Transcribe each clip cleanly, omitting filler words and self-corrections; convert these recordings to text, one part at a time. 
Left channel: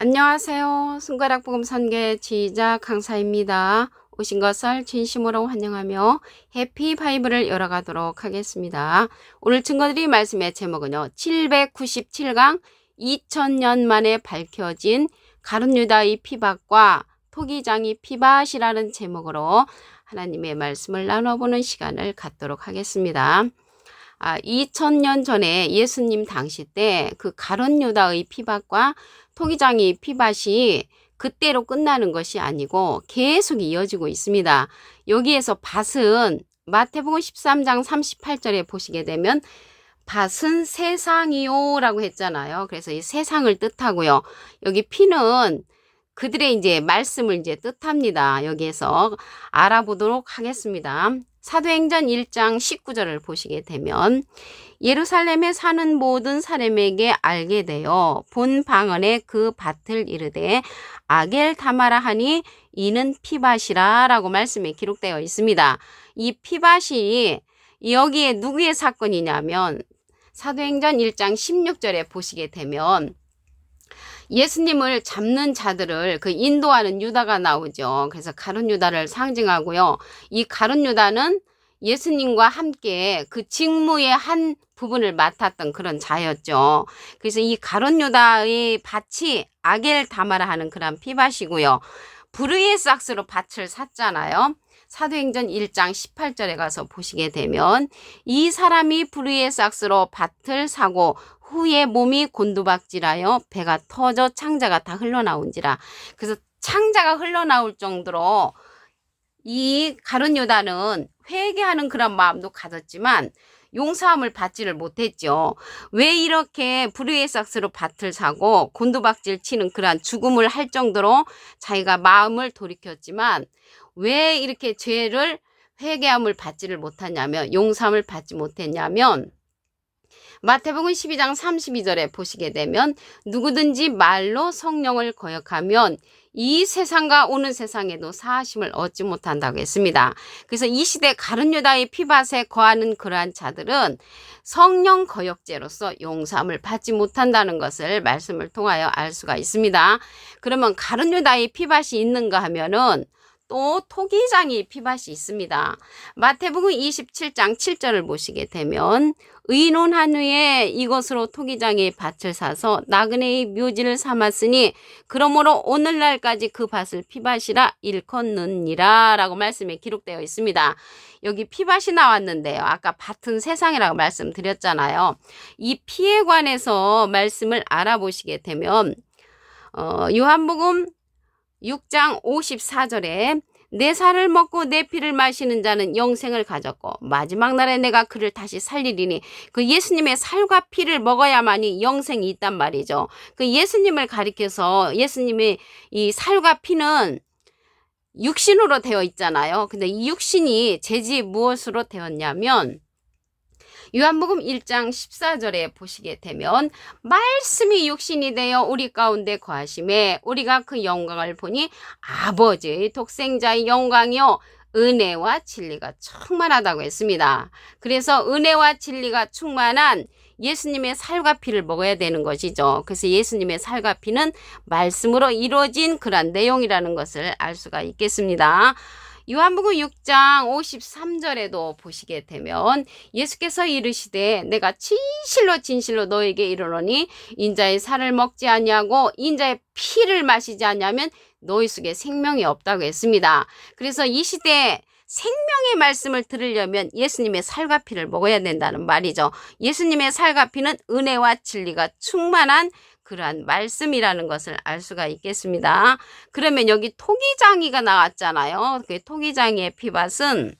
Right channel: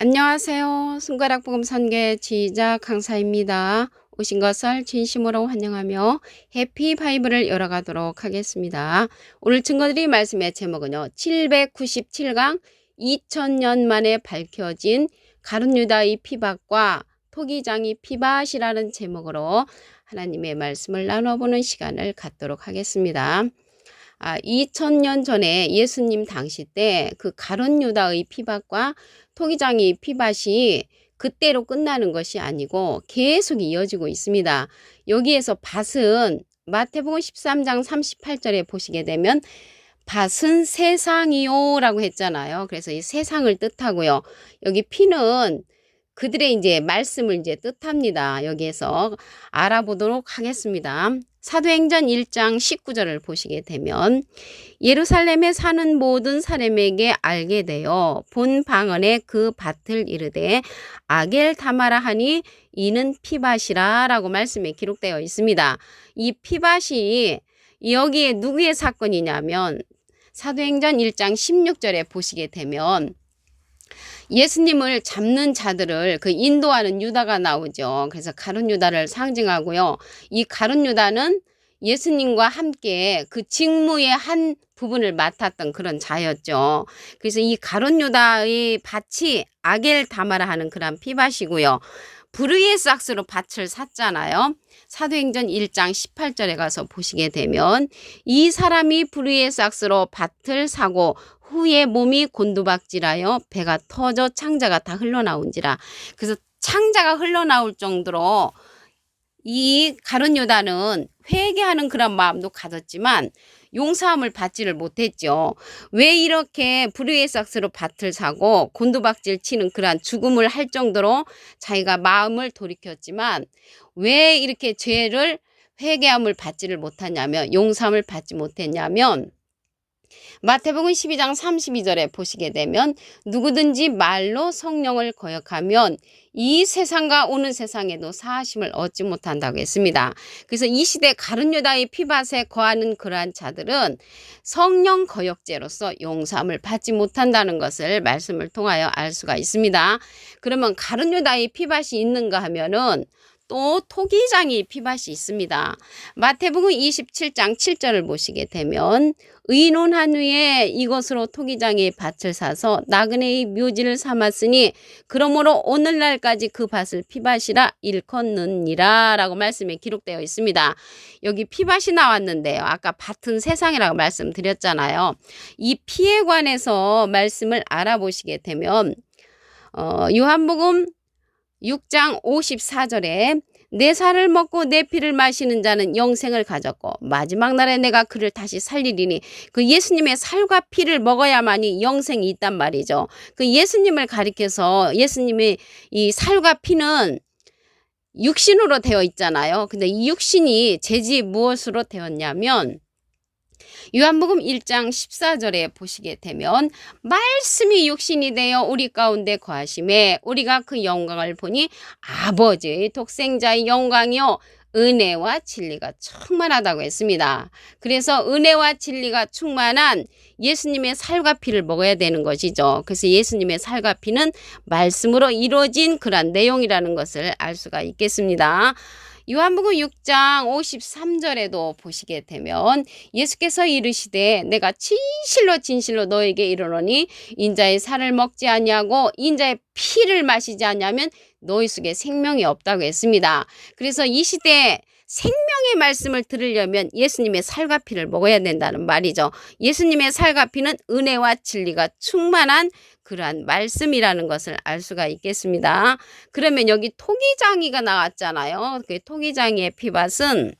안녕하세요. 손가락 복음 선계 지휘자 강사입니다. 오신 것을 진심으로 환영하며 해피 바이블을 열어가도록 하겠습니다. 오늘 증거드릴 말씀의 제목은요. 797강 2000년 만에 밝혀진 가룟 유다의 피밭과 토기장이 피밭이라는 제목으로 하나님의 말씀을 나눠보는 시간을 갖도록 하겠습니다. 2000년 전에 예수님 당시 때 그 가룟 유다의 피밭과 토기장이 피밭이 그때로 끝나는 것이 아니고 계속 이어지고 있습니다. 여기에서 밭은 마태복음 13장 38절에 보시게 되면 밭은 세상이요 라고 했잖아요. 그래서 이 세상을 뜻하고요. 여기 피는 그들의 이제 말씀을 이제 뜻합니다. 여기에서 알아보도록 하겠습니다. 사도행전 1장 19절을 보시게 되면 예루살렘에 사는 모든 사람에게 알게 되어 본 방언에 그 밭을 이르되 아겔 다마라 하니 이는 피밭이라 라고 말씀에 기록되어 있습니다. 이 피밭이 여기에 누구의 사건이냐면 사도행전 1장 16절에 보시게 되면 예수님을 잡는 자들을 그 인도하는 유다가 나오죠. 그래서 가룟 유다를 상징하고요. 이 가룟 유다는 예수님과 함께 그 직무의 한 부분을 맡았던 그런 자였죠. 그래서 이 가룟 유다의 밭이 아겔 다마라 하는 그런 피밭이고요. 부르의 삭스로 밭을 샀잖아요. 사도행전 1장 18절에 가서 보시게 되면 이 사람이 부르의 삭스로 밭을 사고 후에 몸이 곤두박질하여 배가 터져 창자가 다 흘러나온지라. 그래서 창자가 흘러나올 정도로 이 가룟 유다는 회개하는 그런 마음도 가졌지만 용서함을 받지를 못했죠. 왜 이렇게 불의의 삭스로 밭을 사고 곤두박질 치는 그러한 죽음을 할 정도로 자기가 마음을 돌이켰지만 왜 이렇게 죄를 회개함을 받지를 못하냐면 용서함을 받지 못했냐면 마태복음 12장 32절에 보시게 되면 누구든지 말로 성령을 거역하면 이 세상과 오는 세상에도 사하심을 얻지 못한다고 했습니다. 그래서 이 시대 가룟 유다의 피밭에 거하는 그러한 자들은 성령 거역죄로서 용서함을 받지 못한다는 것을 말씀을 통하여 알 수가 있습니다. 그러면 가룟 유다의 피밭이 있는가 하면은 또 토기장이 피밭이 있습니다. 마태복음 27장 7절을 보시게 되면 의논한 후에 이것으로 토기장이 밭을 사서 나그네의 묘지를 삼았으니 그러므로 오늘날까지 그 밭을 피밭이라 일컫느니라 라고 말씀에 기록되어 있습니다. 여기 피밭이 나왔는데요. 아까 밭은 세상이라고 말씀드렸잖아요. 이 피에 관해서 말씀을 알아보시게 되면 요한복음 6장 54절에 내 살을 먹고 내 피를 마시는 자는 영생을 가졌고 마지막 날에 내가 그를 다시 살리리니 그 예수님의 살과 피를 먹어야만이 영생이 있단 말이죠. 그 예수님을 가리켜서 예수님의 이 살과 피는 육신으로 되어 있잖아요. 근데 이 육신이 재지 무엇으로 되었냐면 요한복음 1장 14절에 보시게 되면 말씀이 육신이 되어 우리 가운데 거하심에 우리가 그 영광을 보니 아버지의 독생자의 영광이요 은혜와 진리가 충만하다고 했습니다. 그래서 은혜와 진리가 충만한 예수님의 살과 피를 먹어야 되는 것이죠. 그래서 예수님의 살과 피는 말씀으로 이루어진 그런 내용이라는 것을 알 수가 있겠습니다. 요한복음 6장 53절에도 보시게 되면 예수께서 이르시되 내가 진실로 진실로 너에게 이르노니 인자의 살을 먹지 아니하고 인자의 피를 마시지 아니하면 너희 속에 생명이 없다고 했습니다. 그래서 이 시대에 생명의 말씀을 들으려면 예수님의 살과 피를 먹어야 된다는 말이죠. 예수님의 살과 피는 은혜와 진리가 충만한 그러한 말씀이라는 것을 알 수가 있겠습니다. 그러면 여기 토기장이가 나왔잖아요. 그 토기장이의 피밭은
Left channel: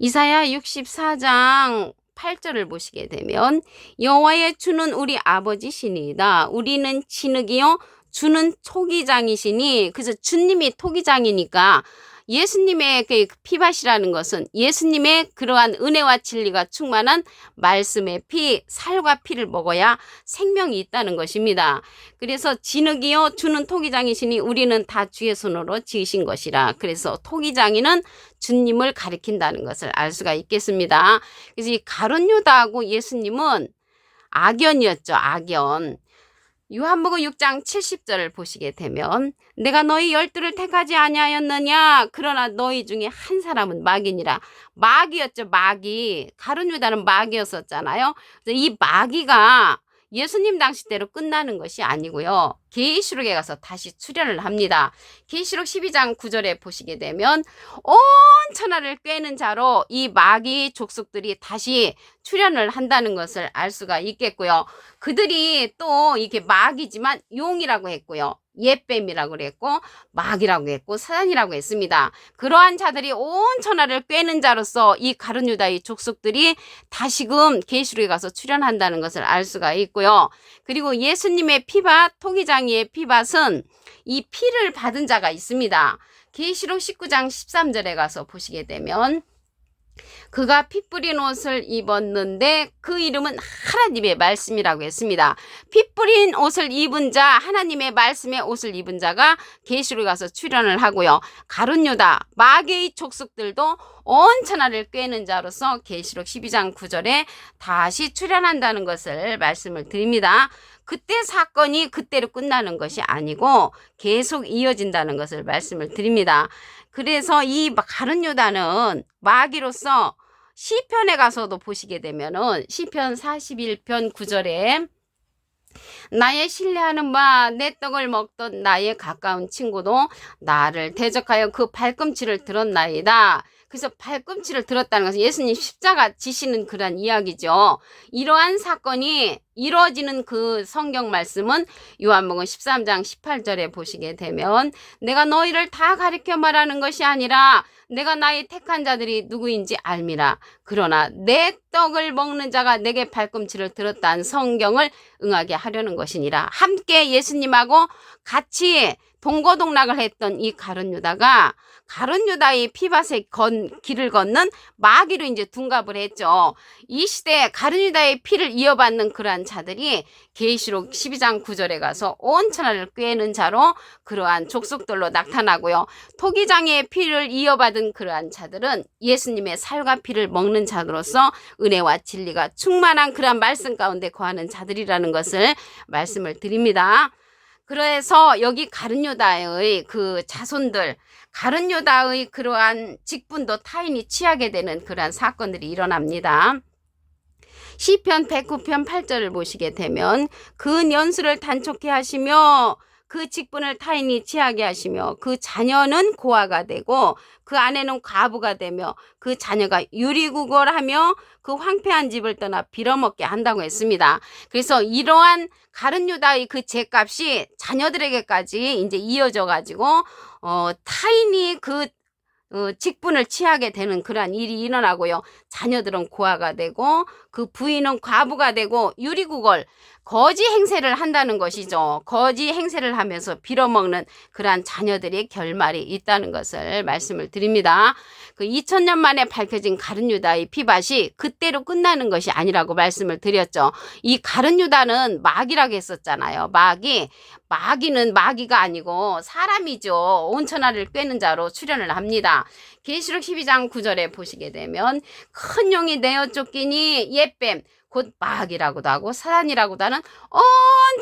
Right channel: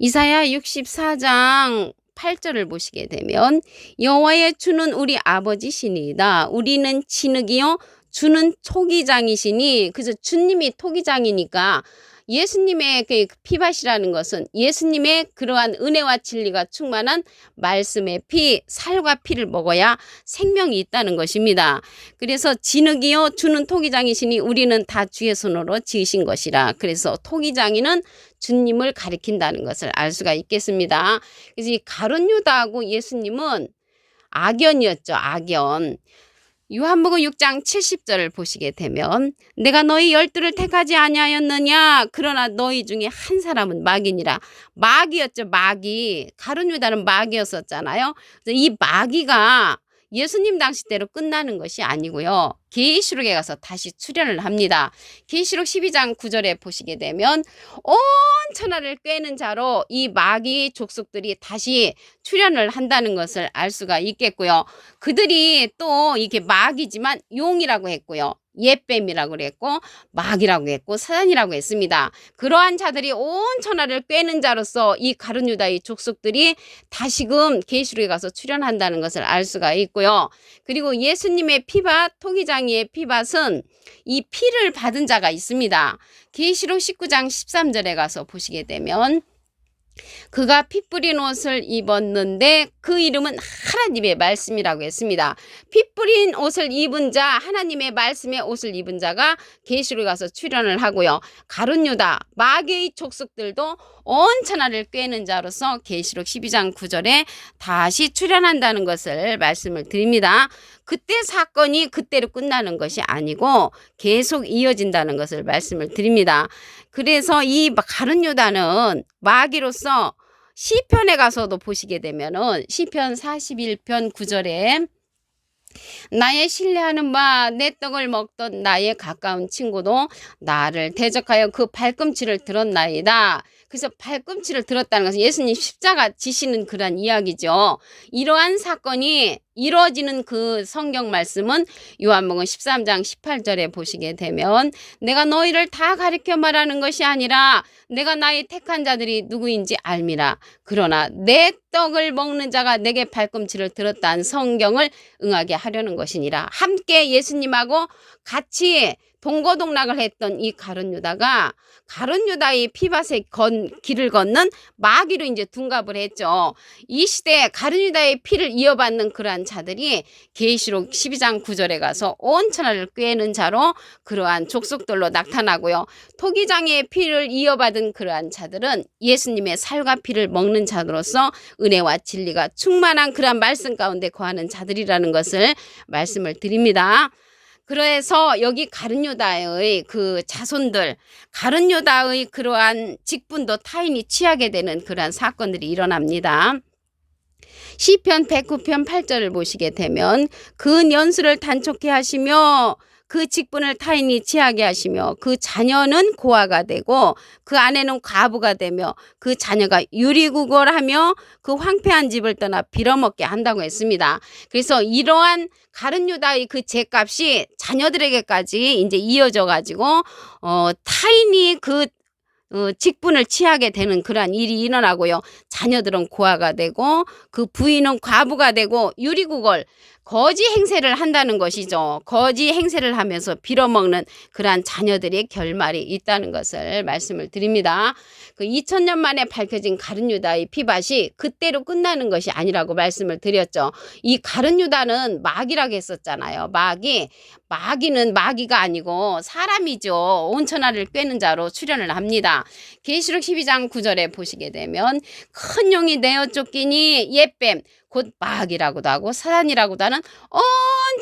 이사야 64장 8절을 보시게 되면 여호와의 주는 우리 아버지시니이다. 우리는 진흙이요 주는 토기장이시니. 그래서 주님이 토기장이니까 예수님의 그 피밭이라는 것은 예수님의 그러한 은혜와 진리가 충만한 말씀의 피, 살과 피를 먹어야 생명이 있다는 것입니다. 그래서 진흙이요 주는 토기장이시니 우리는 다 주의 손으로 지으신 것이라. 그래서 토기장이는 주님을 가리킨다는 것을 알 수가 있겠습니다. 그래서 이 가룟 유다하고 예수님은 악연이었죠. 악연. 요한복음 6장 70절을 보시게 되면 내가 너희 12를 택하지 아니하였느냐 그러나 너희 중에 한 사람은 마귀니라. 마귀였죠. 마귀. 가룟 유다는 마귀였었잖아요. 이 마귀가 예수님 당시 때로 끝나는 것이 아니고요. 계시록에 가서 다시 출현을 합니다. 계시록 12장 9절에 보시게 되면 온 천하를 꿰는 자로 이 마귀 족속들이 다시 출현을 한다는 것을 알 수가 있겠고요. 그들이 또 이렇게 마귀지만 용이라고 했고요. 옛뱀이라고 그랬고 마귀라고 했고 사단이라고 했습니다. 그러한 자들이 온 천하를 꿰는 자로서 이 가룟 유다의 족속들이 다시금 계시록에 가서 출현한다는 것을 알 수가 있고요. 그리고 예수님의 피밭, 토기장이의 피밭은 이 피를 받은 자가 있습니다. 계시록 19장 13절에 가서 보시게 되면 그가 피 뿌린 옷을 입었는데 그 이름은 하나님의 말씀이라고 했습니다. 피 뿌린 옷을 입은 자, 하나님의 말씀의 옷을 입은 자가 계시록에 가서 출현을 하고요. 가룟 유다, 마귀의 족속들도 온 천하를 꿰는 자로서 계시록 12장 9절에 다시 출현한다는 것을 말씀을 드립니다. 그때 사건이 그때로 끝나는 것이 아니고 계속 이어진다는 것을 말씀을 드립니다. 그래서 이 가룟 유다는 마귀로서 시편에 가서도 보시게 되면은 시편 41편 9절에 나의 신뢰하는 바 내 떡을 먹던 나의 가까운 친구도 나를 대적하여 그 발꿈치를 들었나이다. 그래서 발꿈치를 들었다는 것은 예수님 십자가 지시는 그런 이야기죠. 이러한 사건이 이루어지는 그 성경 말씀은 요한복음 13장 18절에 보시게 되면 내가 너희를 다 가리켜 말하는 것이 아니라 내가 나의 택한 자들이 누구인지 알미라. 그러나 내 떡을 먹는 자가 내게 발꿈치를 들었다는 성경을 응하게 하려는 것이니라. 함께 예수님하고 같이 동거동락을 했던 이 가룟 유다가 가룟 유다의 피밭에 길을 걷는 마귀로 이제 둔갑을 했죠. 이 시대에 가룟 유다의 피를 이어받는 그러한 자들이 계시록 12장 9절에 가서 온 천하를 꿰는 자로 그러한 족속들로 나타나고요. 토기장의 피를 이어받은 그러한 자들은 예수님의 살과 피를 먹는 자로서 은혜와 진리가 충만한 그러한 말씀 가운데 거하는 자들이라는 것을 말씀을 드립니다. 그래서 여기 가룟 유다의 그 자손들, 가룟 유다의 그러한 직분도 타인이 취하게 되는 그러한 사건들이 일어납니다. 시편 109편 8절을 보시게 되면 그 연수를 단촉해 하시며 그 직분을 타인이 취하게 하시며 그 자녀는 고아가 되고 그 아내는 과부가 되며 그 자녀가 유리구걸하며 그 황폐한 집을 떠나 빌어먹게 한다고 했습니다. 그래서 이러한 가룟 유다의 그 죄값이 자녀들에게까지 이제 이어져 가지고 타인이 그 직분을 취하게 되는 그러한 일이 일어나고요. 자녀들은 고아가 되고 그 부인은 과부가 되고 유리구걸 거지 행세를 한다는 것이죠. 거지 행세를 하면서 빌어먹는 그러한 자녀들의 결말이 있다는 것을 말씀을 드립니다. 그 2000년 만에 밝혀진 가룟 유다의 피밭이 그때로 끝나는 것이 아니라고 말씀을 드렸죠. 이 가룟 유다는 마귀라고 했었잖아요. 마귀는 마귀가 아니고 사람이죠. 온 천하를 꿰는 자로 출현을 합니다. 계시록 12장 9절에 보시게 되면 큰 용이 내어 쫓기니 옛뱀 곧 마귀라고도 하고 사단이라고도 하는 온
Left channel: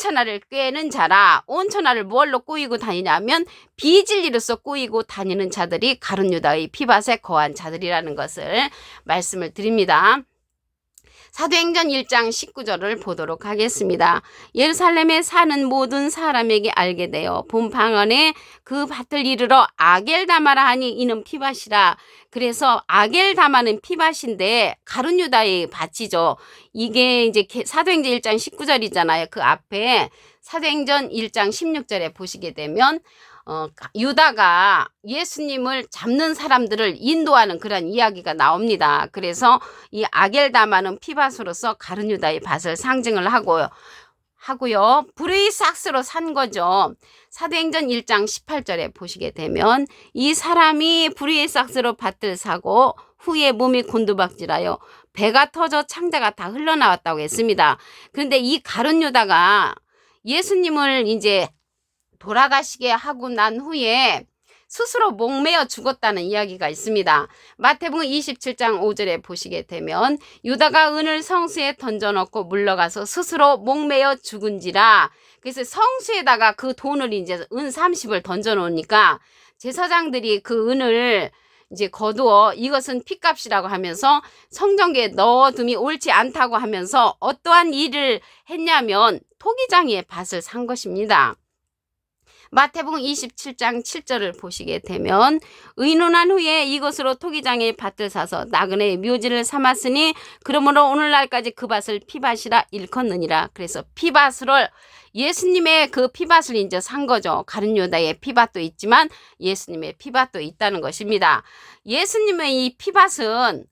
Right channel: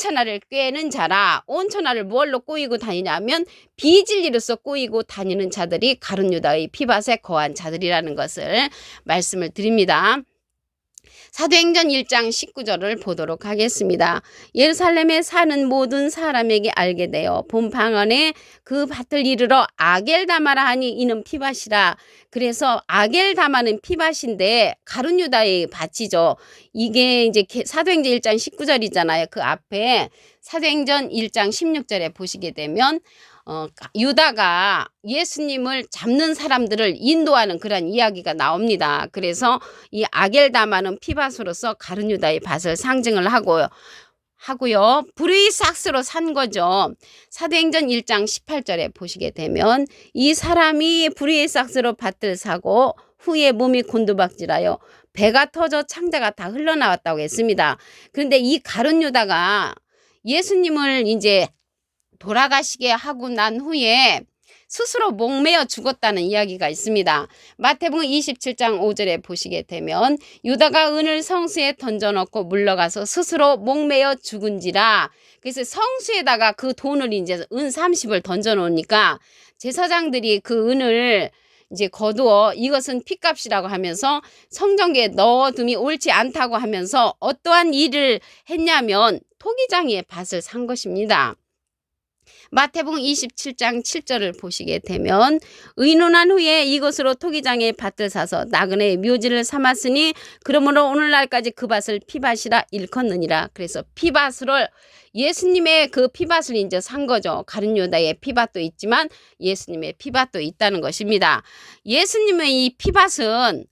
천하를 꿰는 자라. 온 천하를 뭘로 꼬이고 다니냐면 비진리로서 꼬이고 다니는 자들이 가룟 유다의 피밭에 거한 자들이라는 것을 말씀을 드립니다. 사도행전 1장 19절을 보도록 하겠습니다. 예루살렘에 사는 모든 사람에게 알게 되어 본 방언에 그 밭을 이르러 아겔다마라 하니 이는 피밭이라. 그래서 아겔다마는 피밭인데 가룟 유다의 밭이죠. 이게 이제 사도행전 1장 19절이잖아요. 그 앞에 사도행전 1장 16절에 보시게 되면 유다가 예수님을 잡는 사람들을 인도하는 그런 이야기가 나옵니다. 그래서 이 아겔다마는 피밭으로서 가룟 유다의 밭을 상징을 하고요. 불의 싹스로 산 거죠. 사도행전 1장 18절에 보시게 되면 이 사람이 불의 싹스로 밭을 사고 후에 몸이 곤두박질하여 배가 터져 창자가 다 흘러나왔다고 했습니다. 그런데 이 가룟 유다가 예수님을 이제 돌아가시게 하고 난 후에 스스로 목매어 죽었다는 이야기가 있습니다. 마태복음 27장 5절에 보시게 되면 유다가 은을 성수에 던져넣고 물러가서 스스로 목매어 죽은지라. 그래서 성수에다가 그 돈을 이제 은 30을 던져 놓으니까 제사장들이 그 은을 이제 거두어 이것은 핏값이라고 하면서 성전기에 넣어둠이 옳지 않다고 하면서 어떠한 일을 했냐면 토기장이의 밭을 산 것입니다. 마태복음 27장 7절을 보시게 되면 의논한 후에 이것으로 토기장의 밭을 사서 나그네의 묘지를 삼았으니 그러므로 오늘날까지 그 밭을 피밭이라 일컫느니라. 그래서 피밭을 예수님의 그 피밭을 이제 산 거죠. 가룟 유다의 피밭도 있지만 예수님의 피밭도 있다는 것입니다. 예수님의 이 피밭은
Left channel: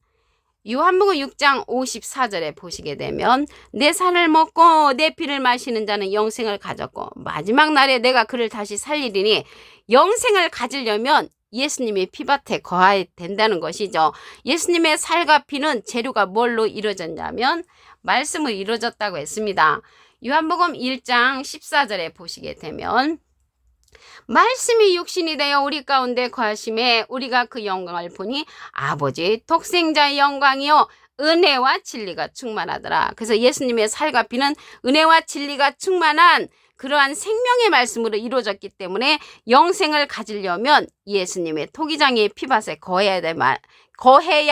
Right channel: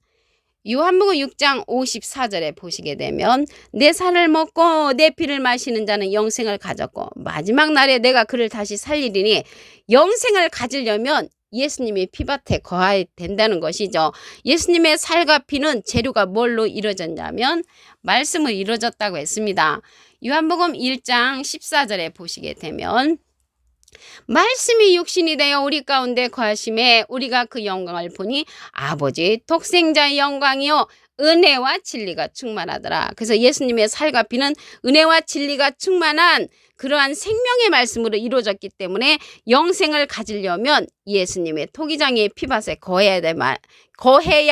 요한복음 6장 54절에 보시게 되면 내 살을 먹고 내 피를 마시는 자는 영생을 가졌고 마지막 날에 내가 그를 다시 살리리니 영생을 가지려면 예수님이 피밭에 거해야 된다는 것이죠. 예수님의 살과 피는 재료가 뭘로 이루어졌냐면 말씀으로 이루어졌다고 했습니다. 요한복음 1장 14절에 보시게 되면 말씀이 육신이 되어 우리 가운데 거하심에 우리가 그 영광을 보니 아버지 독생자의 영광이요 은혜와 진리가 충만하더라. 그래서 예수님의 살과 피는 은혜와 진리가 충만한 그러한 생명의 말씀으로 이루어졌기 때문에 영생을 가지려면 예수님의 토기장의 피밭에 거해야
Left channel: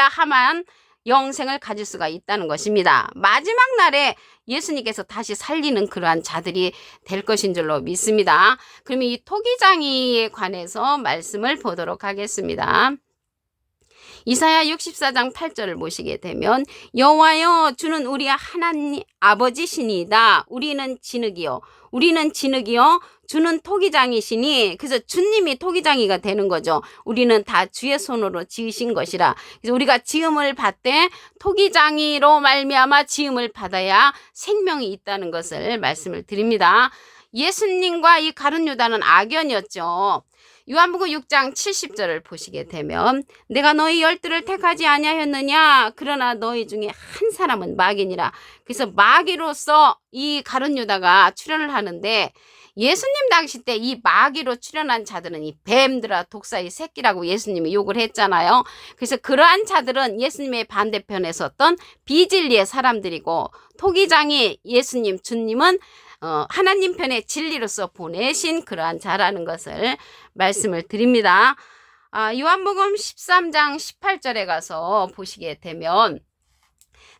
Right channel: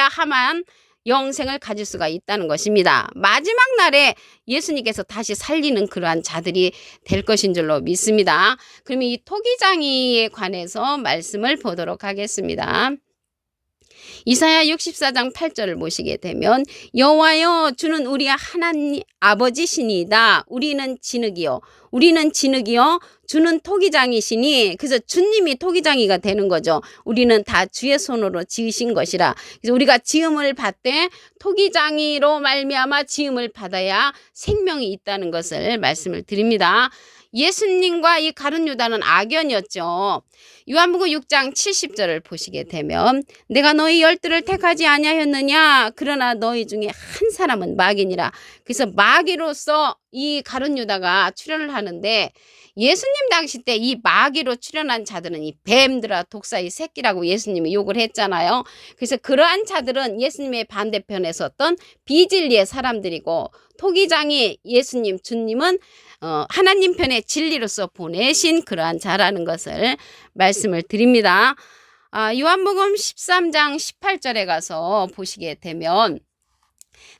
하만 영생을 가질 수가 있다는 것입니다. 마지막 날에 예수님께서 다시 살리는 그러한 자들이 될 것인 줄로 믿습니다. 그럼 이 토기장이에 관해서 말씀을 보도록 하겠습니다. 이사야 64장 8절을 보시게 되면 여호와여 주는 우리 하나님 아버지시니이다. 우리는 진흙이요 주는 토기장이시니 그래서 주님이 토기장이가 되는 거죠. 우리는 다 주의 손으로 지으신 것이라. 그래서 우리가 지음을 받되 토기장이로 말미암아 지음을 받아야 생명이 있다는 것을 말씀을 드립니다. 예수님과 이 가룟 유다는 악연이었죠. 요한복음 6장 70절을 보시게 되면 내가 너희 열두를 택하지 아니하였느냐 그러나 너희 중에 한 사람은 마귀니라. 그래서 마귀로서 이 가룟 유다가 출연을 하는데 예수님 당시 때 이 마귀로 출연한 자들은 이 뱀들아 독사의 새끼라고 예수님이 욕을 했잖아요. 그래서 그러한 자들은 예수님의 반대편에 섰던 비진리의 사람들이고 토기장이 예수님 주님은 하나님 편에 진리로서 보내신 그러한 자라는 것을 말씀을 드립니다. 요한복음 13장 18절에 가서 보시게 되면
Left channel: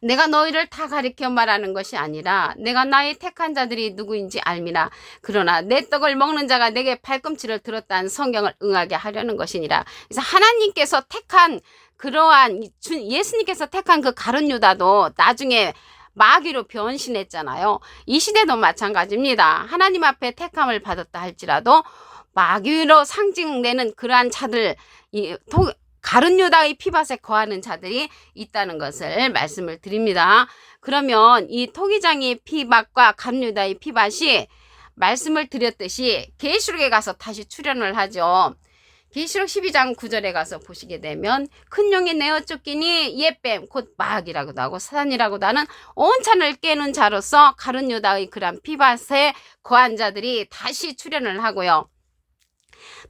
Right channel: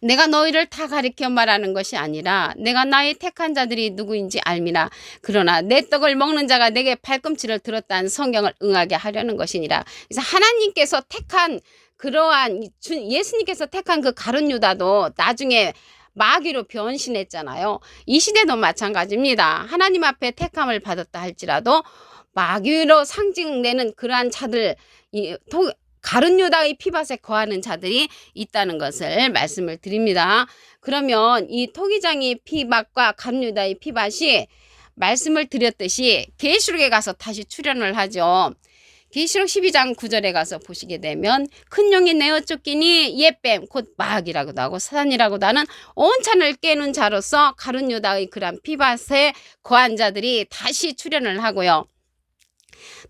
내가 너희를 다 가리켜 말하는 것이 아니라 내가 나의 택한 자들이 누구인지 알미라. 그러나 내 떡을 먹는 자가 내게 발꿈치를 들었다는 성경을 응하게 하려는 것이니라. 그래서 하나님께서 택한 그러한 예수님께서 택한 그 가룟 유다도 나중에 마귀로 변신했잖아요. 이 시대도 마찬가지입니다. 하나님 앞에 택함을 받았다 할지라도 마귀로 상징되는 그러한 자들, 가룟 유다의 피밭에 거하는 자들이 있다는 것을 말씀을 드립니다. 그러면 이 토기장의 피밭과 가룟 유다의 피밭이 말씀을 드렸듯이 계시록에 가서 다시 출현을 하죠. 계시록 12장 9절에 가서 보시게 되면 큰 용이 내어 쫓기니 옛뱀 곧 마귀라고도 하고 사단이라고도 하는 온천을 깨는 자로서 가룟 유다의 그런 피밭에 거한 자들이 다시 출현을 하고요.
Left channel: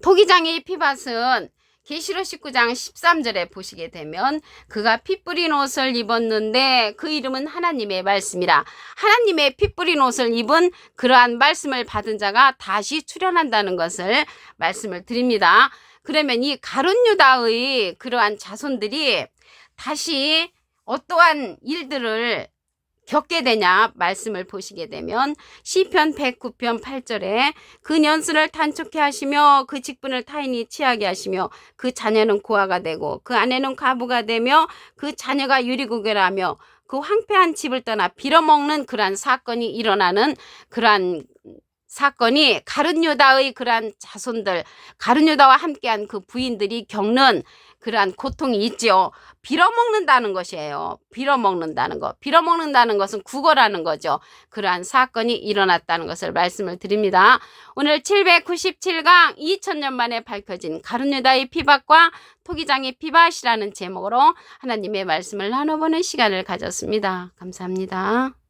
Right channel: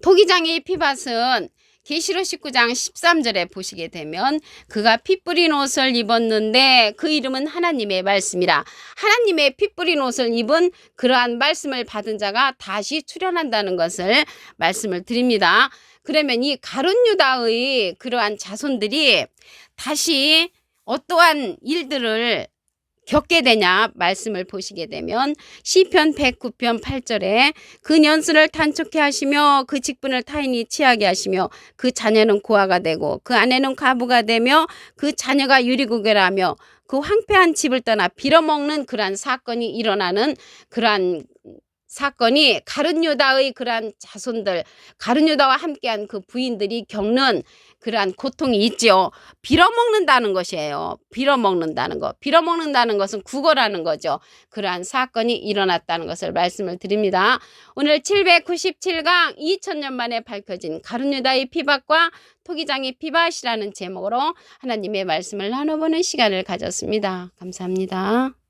토기장의 피밭은 계시록 19장 13절에 보시게 되면 그가 피 뿌린 옷을 입었는데 그 이름은 하나님의 말씀이라. 하나님의 피 뿌린 옷을 입은 그러한 말씀을 받은 자가 다시 출현한다는 것을 말씀을 드립니다. 그러면 이 가룟 유다의 그러한 자손들이 다시 어떠한 일들을 겪게 되냐 말씀을 보시게 되면 시편 109편 8절에 그 년수를 단축해 하시며 그 직분을 타인이 취하게 하시며 그 자녀는 고아가 되고 그 아내는 과부가 되며 그 자녀가 유리구개라며 그 황폐한 집을 떠나 빌어먹는 그러한 사건이 일어나는 그러한 사건이 가룟 유다의 그러한 자손들 가룟 유다와 함께한 그 부인들이 겪는 그러한 고통이 있지요. 빌어먹는다는 것이에요. 빌어먹는다는 것. 빌어먹는다는 것은 구걸하는 거죠. 그러한 사건이 일어났다는 것을 말씀을 드립니다. 오늘 797강 2000년 만에 밝혀진 가룟 유다의 피밭과 토기장의 피밭이라는 제목으로 하나님의 말씀을 나눠보는 시간을 가졌습니다. 감사합니다.